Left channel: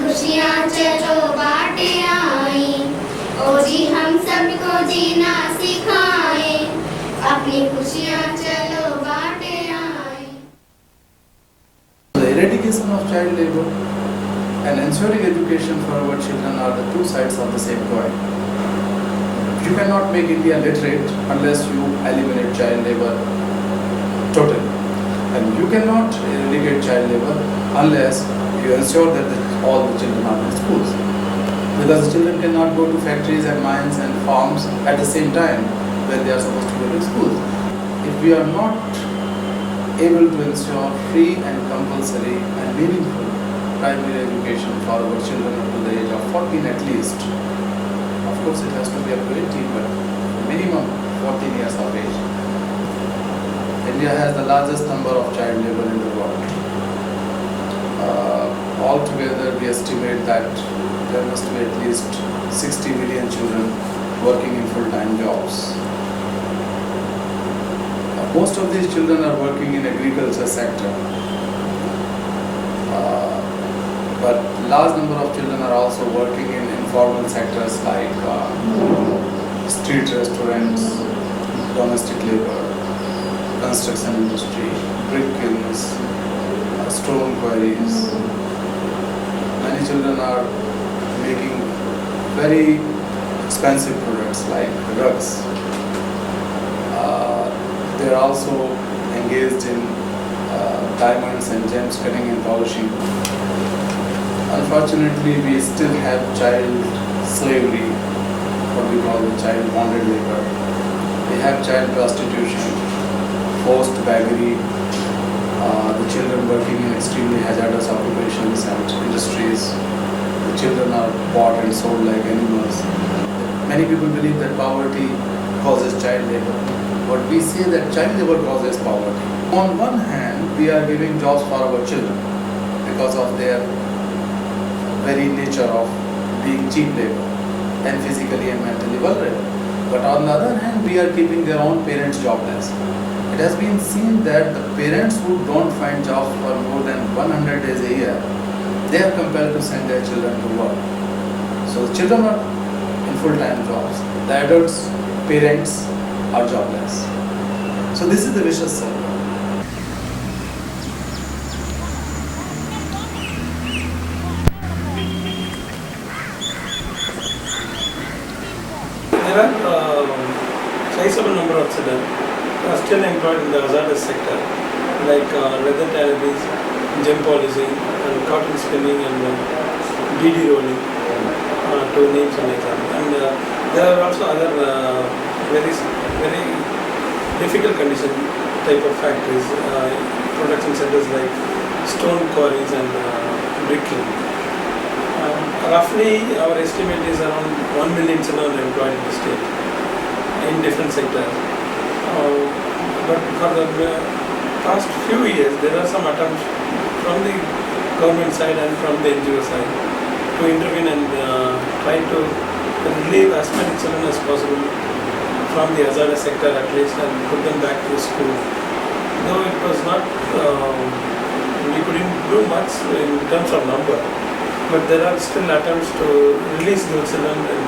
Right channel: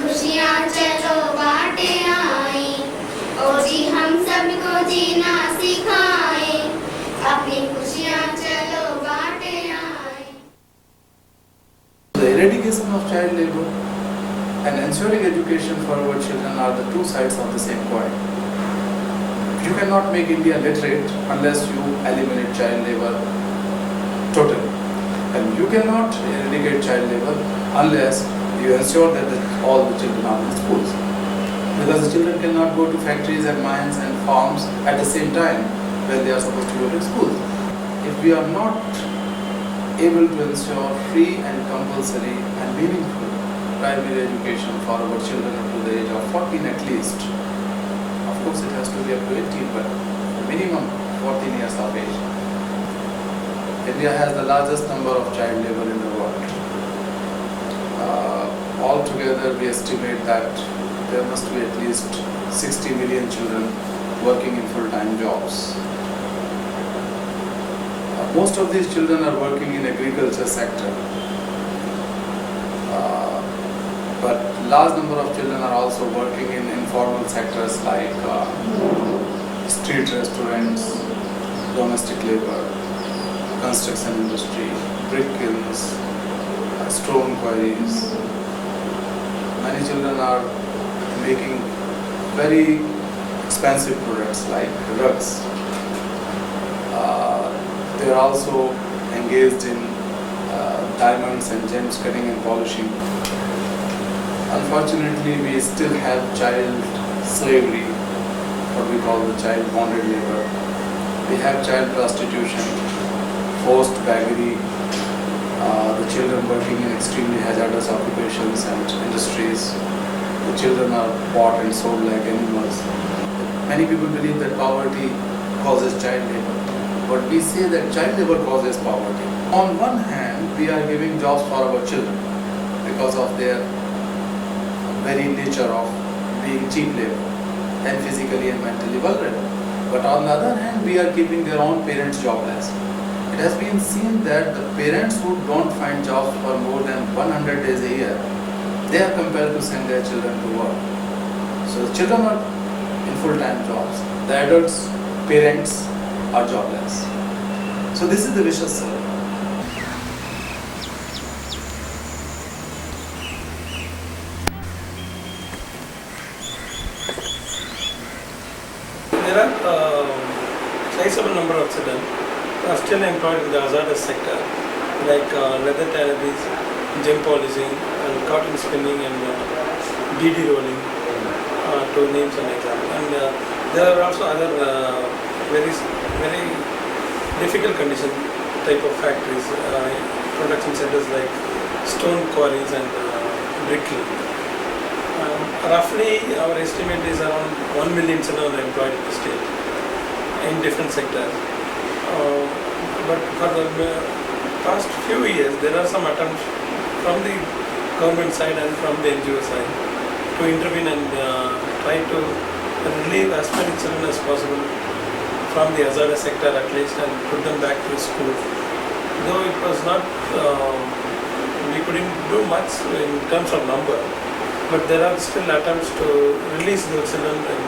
खुशियाँ चलो बाटे आई, ओ जी हम सबको जीना सिखाए, अपनी खुशियाँ चलो बाटे आई. The eradication of child labor and ensuring education for our children are the two sides of the same coin. You cannot make India literate unless you eliminate child labor totally. And you cannot eradicate child labor unless you ensure that all the children are in schools. Because the children cannot go to factories and mines and farms at the same time when they are supposed to go to schools. If we are not able to ensure free and compulsory and meaningful primary education for our children up to the age of 14 at least, of course it has to be up to 18, but minimum 14 years of age. India has the largest number of child labor in the world. Altogether, we estimate that there must be at least 60 million children working in full-time jobs. Most of these children are working in agriculture sector, but large number of children are also working in informal sectors like street restaurants, domestic labor, construction industry, brick kilns, stone quarries. Many children are making very expensive products like rugs. They are also engaged in diamonds and gems cutting and polishing. Unfortunately, we still have child slavery, what we call the child bonded labor. We have child prostitution, forced beggary, the children working in extremely hazardous occupations and industries. The children are bought and sold like animals. Many people believe that poverty causes child labor, but we say that child labor causes poverty. On one hand, we are giving jobs for our children because of their very nature of being cheap labor and physically and mentally vulnerable. But on the other hand, we are keeping their own parents jobless. It has been seen that the parents who don't find jobs for more than 100 days a year, they are compelled to send their children to work. So the children are in full-time jobs. The adults, parents are jobless. So this is the vicious circle. There are sizable number of children are still employed in the hazardous sector, like leather tanneries, gem polishing, and cotton spinning, and bead rolling, to name some examples. And there are also other very difficult condition type of factories, production centers like stone quarries and brick kiln. Roughly, our estimate is around 1 million children are employed in the state in different sectors. But for the past few years, there are some attempts from the government side and from the NGO side to intervene and try to relieve as many children as possible from the hazardous sector at least and put them back to school. Though it was not, we couldn't do much in terms of number, but there are still attempts to release those children in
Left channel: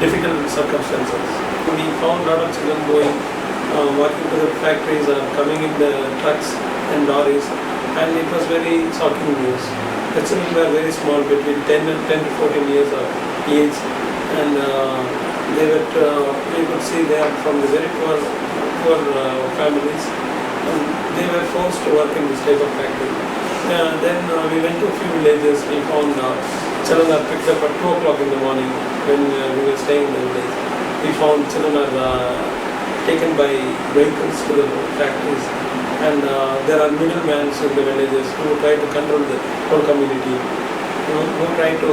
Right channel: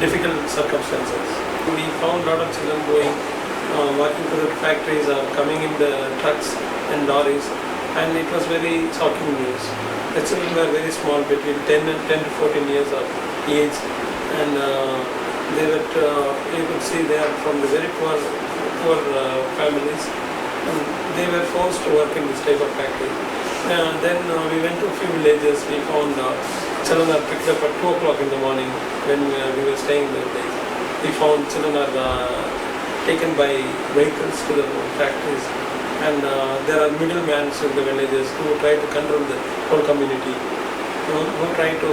difficult circumstances. We found a lot of children going, working to the factories or coming in the trucks and lorries, and it was very shocking news. The children were very small, between 10 to 14 years of age, and they were, you could see they are from the very poor families, and they were forced to work in this type of factory. Then we went to a few villages. We found children are picked up at 2 o'clock in the morning when we were staying in the village. We found children are taken by vehicles to the factories, and there are middlemen in the villages who try to control the whole community, who try to,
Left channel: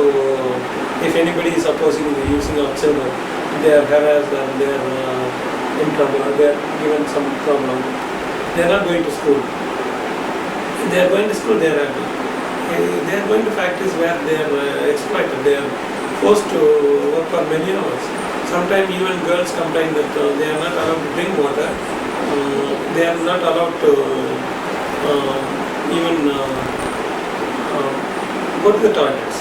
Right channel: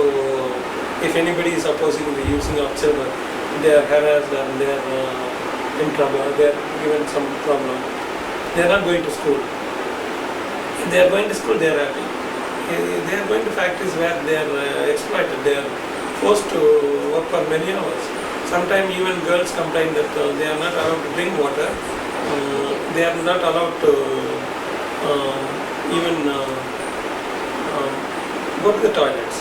if anybody is opposing the using of children, they are harassed and they are in trouble, they are given some problem. They are not going to school. If they are going to school, they are happy. They are going to factories where they are exploited, they are forced to work for many hours. Sometimes even girls complain that they are not allowed to drink water, they are not allowed to even go to the toilets.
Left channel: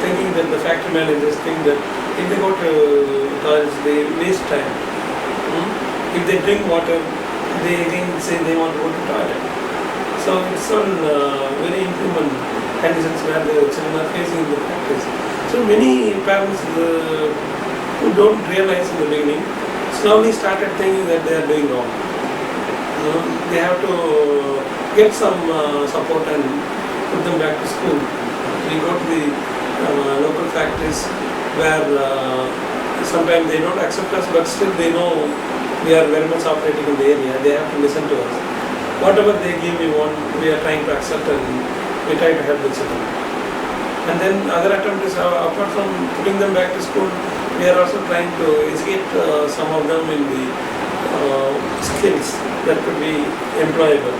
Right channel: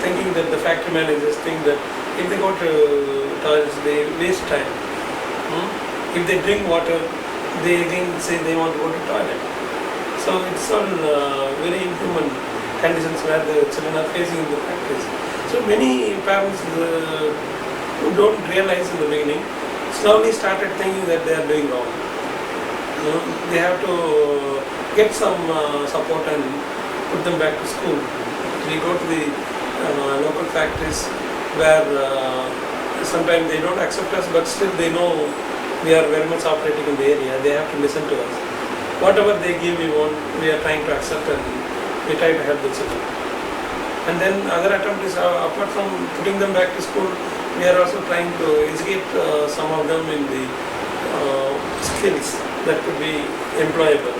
thinking that the factory managers think that if they go to toilets, they waste time. If they drink water, they again say they want to go to toilet. So it's all very inhuman conditions where the children are facing in the factories. So many parents who don't realize in the beginning slowly started thinking that they are doing wrong. They have to get some support and put them back to school. We go to the local factories where sometimes they don't accept us, but still they know we are very much operating in the area. They have to listen to us. Whatever they give, we are trying to accept, and we try to help the children. And then other attempt is, apart from putting them back to school, we are also trying to educate some of them in the skills that could be employable.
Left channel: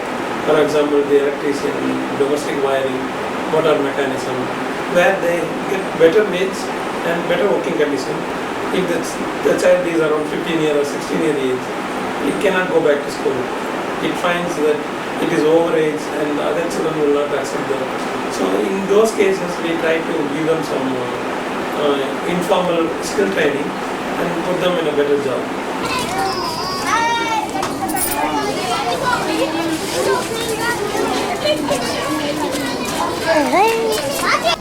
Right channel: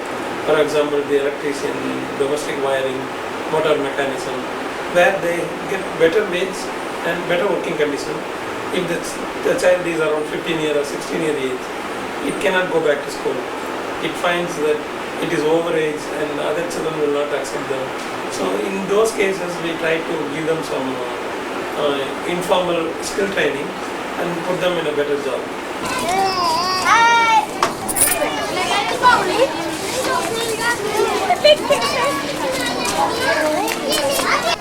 For example, the electrician, domestic wiring, motor mechanism, where they get better wage and better working condition. If the child is around 15-year or 16-year age, it cannot go back to school. It finds that it is overage and other children will not accept them. So in those cases, we try to give them some informal skill training and put them in a better job.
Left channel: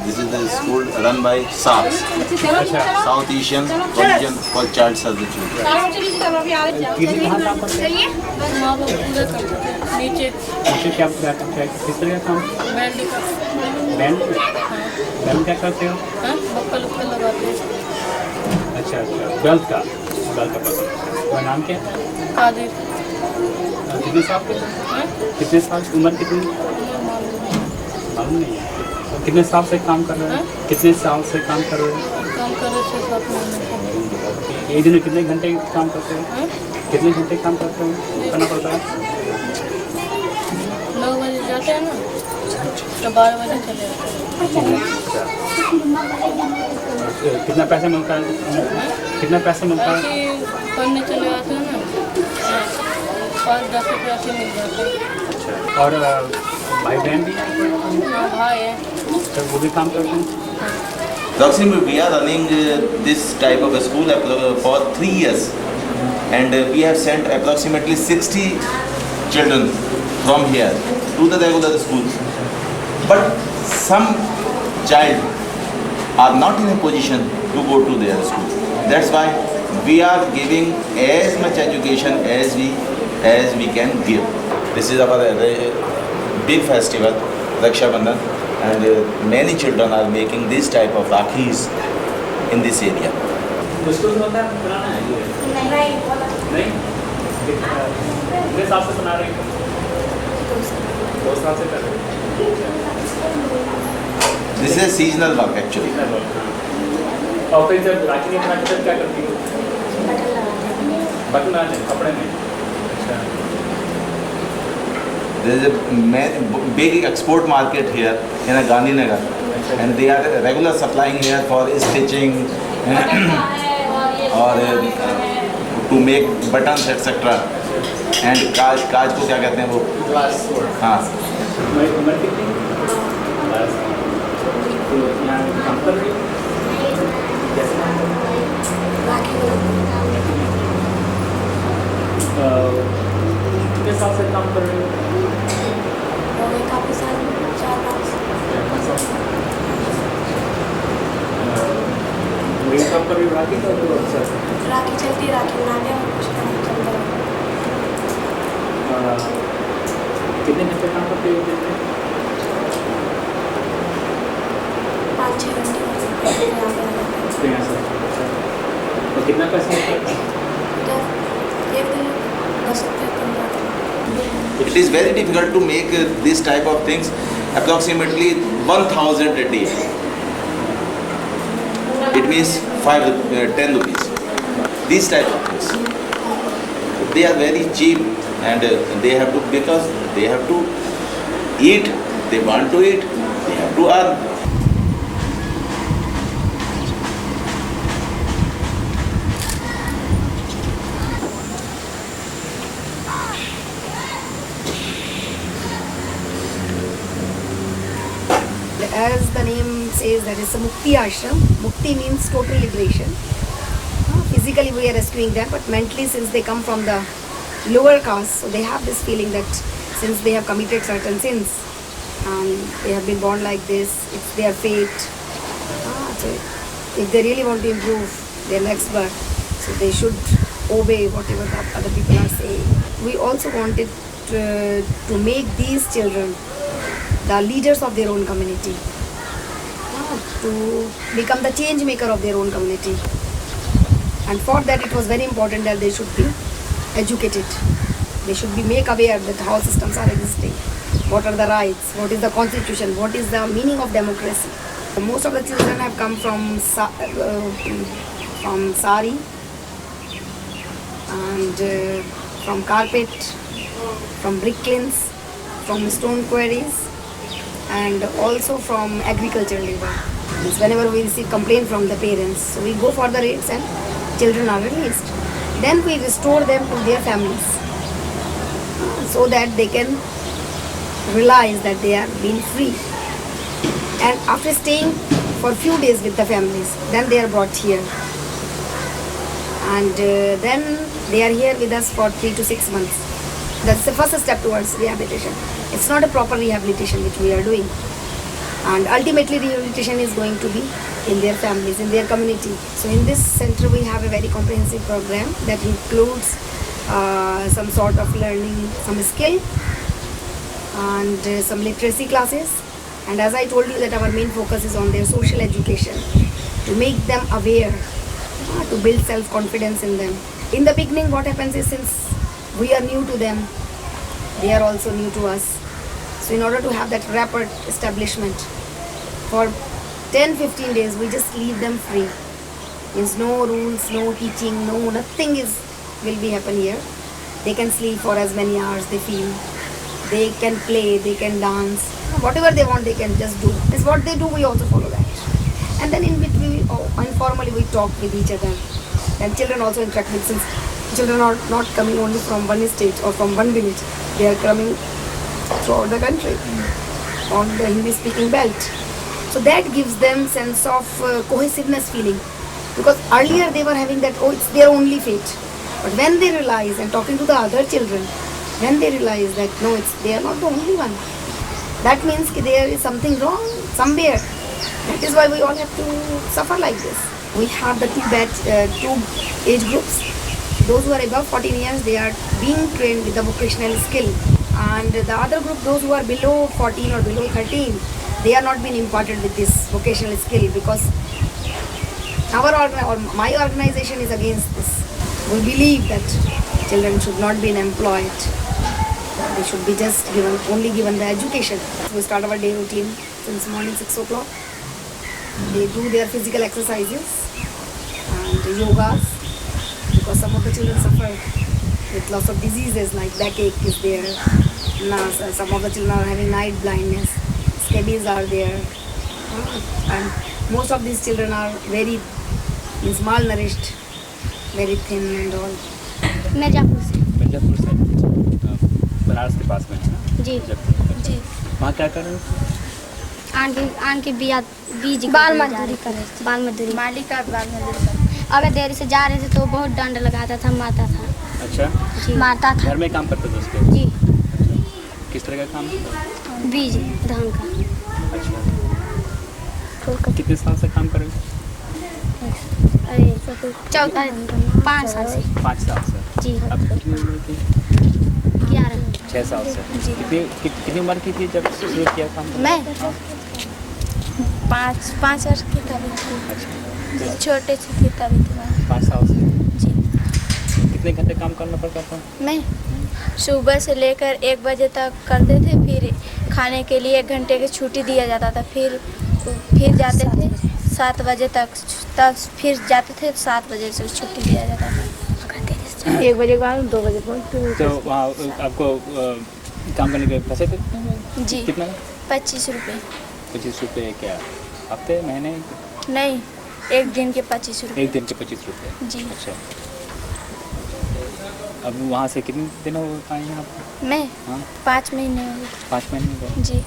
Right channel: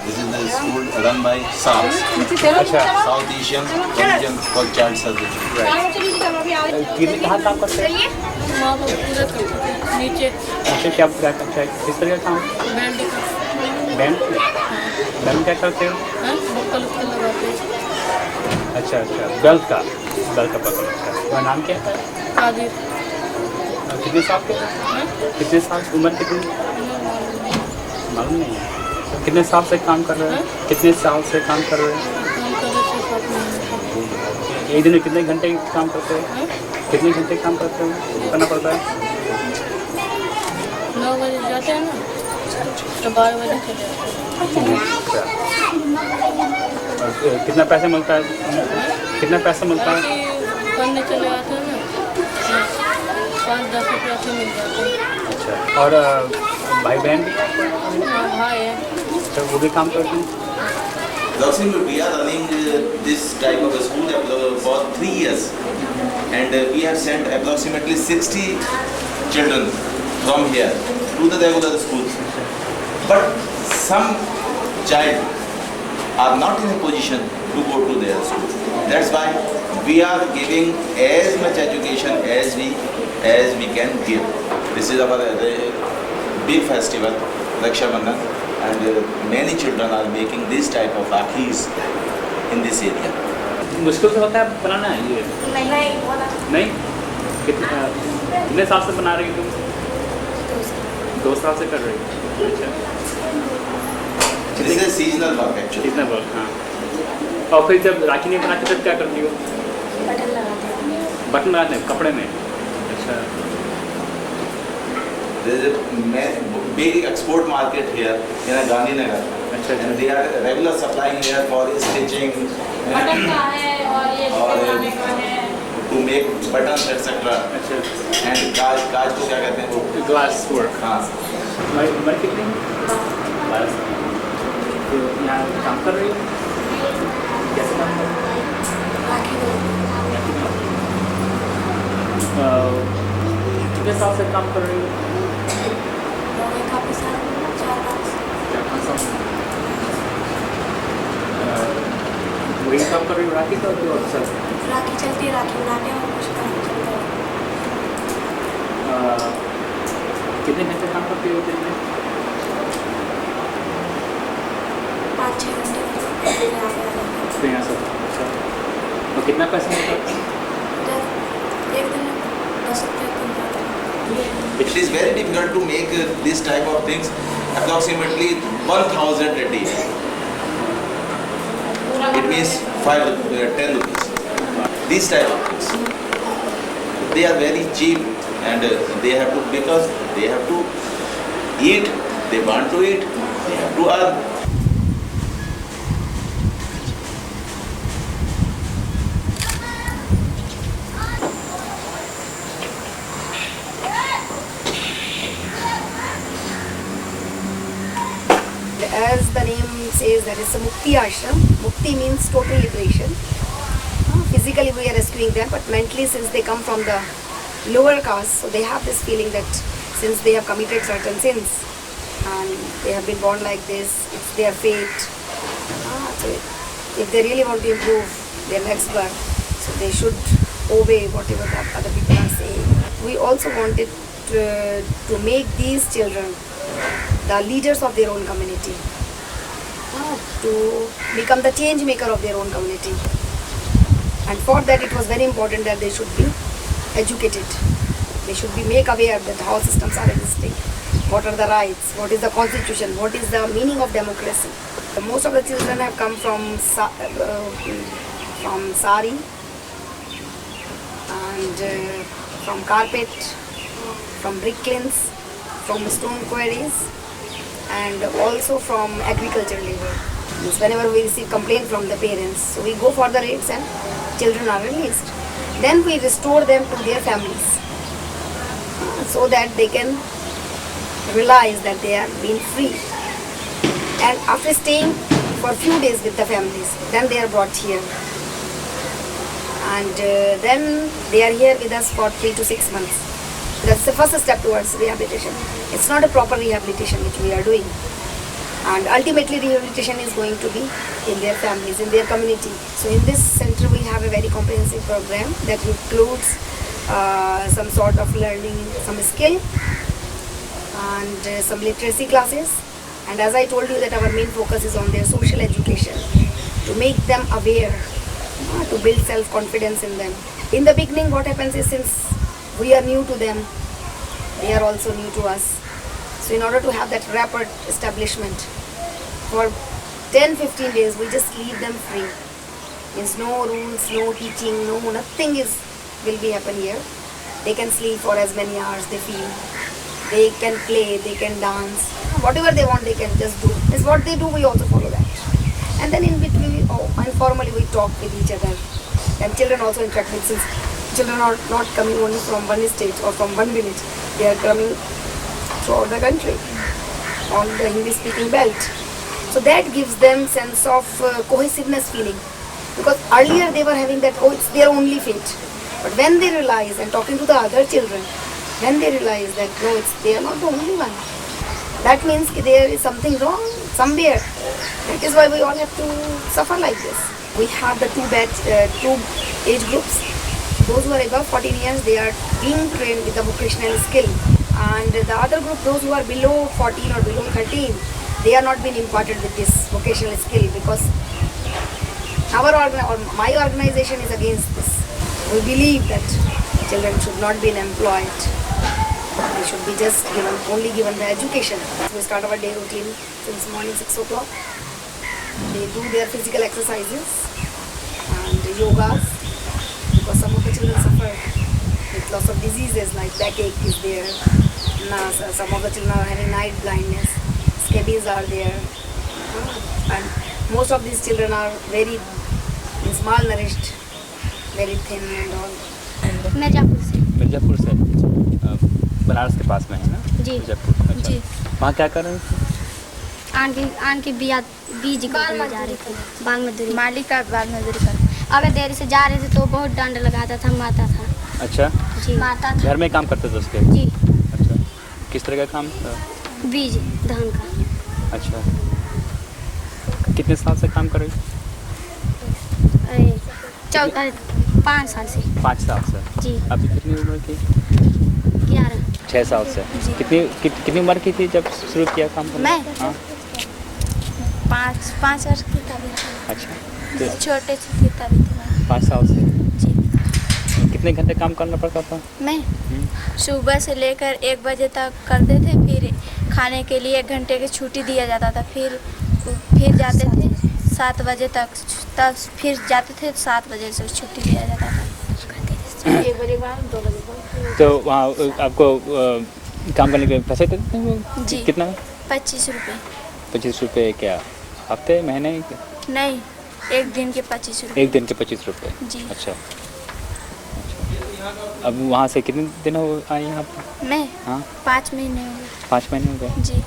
This is the school run by SARS, South Asian Religion for Child Service. कहाँ काम करते हैं? वहाँ पर पूरा करते थे नीचे क्या करते हैं? किस तरह का काम? बैंड का बैंड बैंड क्या करते हो? हाँ बक्कल उक्कल लगाते हैं। अच्छा बेल्ट का पकड़। तुम्हारा नाम क्या है? कादिर। कितने साल के? हाँ कितने साल उम्र कितनी? मालूम नहीं है। तो कितने साल से काम कर रहे हैं? कितने साल से काम कर रहे हैं? काम कर रहे 6-7 महीने। एक दिन में कितने घंटे काम करते हैं? हाँ कितने घंटे काम करते हैं? करना पड़ता है? 9 बजे जाते हैं ना तो 12 बजे चले आते हैं। अच्छा और कितना पैसा मिलता है? कितना पैसा मिलता है? ऐसे पढ़ने चले आते हैं ना 5-10 रुपये से मिल जाते हैं। अच्छा और भाई बहन भी है? हाँ भाई है। तो वो भी काम करते हैं? Approximately, we are running this type of a school for 3 years, and we have sent approximately 60 children from here to the regular schools. But some child are not in a position to go to their school. That's why we are giving as much education as we can give. This is our big festival, Raksha Bandhan. And many children are making this type of rakhis in this area. मुश्किल से होता है बनाना है ये? नहीं? कितने साल से बना रही हो? 2 साल से कर रही हो? This is a seasonal work actually. कितना वर्क? हाँ और फिर जब राखी नहीं बनाते तब क्या करती हो? बटन लगाते हैं कपड़े में? अच्छा There is a big export market here in Gandhinagar, and they are regular supplying here for stitching or to make buttons etc. And काज को क्या कहते हैं वो? Glass work. हाँ। उम्र कितनी? 12 साल। तो यहाँ काम कर रही हो? कैसे काम कर रही हो? कितने साल से काम कर रही हो? काफ़ी साल 4-5 वही काम कर रही हो राखी का तो अक्सर राखी चलती, राखी बनाने और कुछ काम चलता है। कितने घंटे काम करते हो दिन में? 5-6 घंटे यहाँ पे आ जाते हैं। तो यहाँ से अच्छा और कितना पैसा मिलता है? एक दिन में 10 रुपये कम जाता है। It is very difficult to make this type of things. Approximately 1,000 a day. It means 10 rupees. These type of things. They are very cheap, and they have to, because they have to eat. They want to eat. They have to earn. as the name says, that is a Mukti ashram. Mukti means total liberation. Physically we are rescuing them, but mentally, since they come from the lower caste, so they have this feeling that since they have committed certain sins and they have been born like this, it's their fate. So if they really want to improve their next birth, so they should obey whatever the other people are saying. We also wanted to make these children the leaders of their own community, to become the change maker of their own community. And for that it was very important that they should be educated. They should be made aware that how systems are existing, what are the rights, what is the constitution, what is the meaning of democracy. Most of the children have come from sari and from carpet, from brick kilns, from stone quarries, and also from agricultural labor. Means whenever we receive complaint from the parents, so we go for the raids and children are released. Then we restore them to their families so that they can realize that they are being free. And after staying for a few days with the families, then they are brought here. And then they are here with us for 3 to 6 months. That's the first step towards rehabilitation. It's not a proper rehabilitation which we are doing. And ultimately rehabilitation is going to be in their families, in their community. So in this center we have a very comprehensive program that includes some sort of learning, some skill and some literacy classes. And as I told you that our main focus is on their social education, to make them aware, to build self-confidence in them. In the beginning what happens is, since we are new to them, they are also new to us. So in order to have that rapid establishment, for 10-15 days we just leave them free. Means no rules, no teaching, nothing will be happen here. They can sleep for as many hours they feel. They can play, they can dance. Whatever they want they can just do. It's what they do, we also follow that. And then in between, informally we talk with each other. And children also interact with, since children are not coming only from one state or from one village. They are coming throughout the country on the Hindi speaking belt. So that gives them sense of cohesiveness feeling. Because earlier they were having that, it's their only fate. But when they realize, and talking to the other children, when they realize that no, they are not the only one. That means there is something wrong somewhere. That is why we all have to suffer like this. We have the two age groups. Those who are above 14 years, they are being trained with the vocational skill. And the other group, those who are below 14 or below 13, they are not being imparted with this vocational skill, because my organization is against this. We believe that children should not be employed. They should be just only given the education. We start our day routine since morning 6 o'clock. They do their physical exercises and yogas, because some of the children suffer with lots of diseases like backache is there. Some of the children are having night blindness. Scabies are there. And most of these children are very malnourished, very thin and all. Mirzapur से बनारस के पास में है ना? जी मिर्ज़ापुर। जी। वहाँ क्या कर रहे हैं? आन के बीज बाल मजदूरी कर मालिक का बाल मजदूरी कर। अगर देर से जा रहे थे तो बहुत दंड लगाता था, मारता था। अच्छा, जी मारता था। घर में काम करते थे उसके? जी। अच्छा, किस तरह का काम? बीज धान का। अच्छा, कितने साल से काम कर रहे हैं? 5 साल से। 5 साल से। जी। अभी कितनी उम्र की? 11। 6 साल से। जी। कितनी उम्र की थी जब शुरू किया काम करना? मैं? हाँ। 5 वर्ष की तभी थी। अच्छा, छोटे से थी तभी थी मैं। 5 साल से। जी। और कितने घंटे काम करना पड़ता था? मैं सुबह से लेकर 1 बजे तक करते थे, फिर खाने के लिए 1 घंटे की छुट्टी दिया जाता था, फिर जाते थे 7 बजे तक, तब फिर जाते थे 7 बजे से छुट्टी दिया जाता था। 1 बजे बाद 2 बजे बाद। तो वहाँ आपको काम करने के पैसे देते थे? जी। कितना? 25 रुपये। 25 रुपये क्या हफ्ते महीने? नहीं, 1 दिन के 25 रुपये। 1 दिन के 25 रुपये। जी। अच्छा। अब वहाँ से कितने दिन हो आए यहाँ पर? मैं? हाँ। 5 महीने हो गए। 5 महीने हो गए। जी।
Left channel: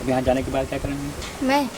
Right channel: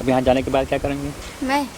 अब यहाँ जाने के बाद क्या करेंगे? मैं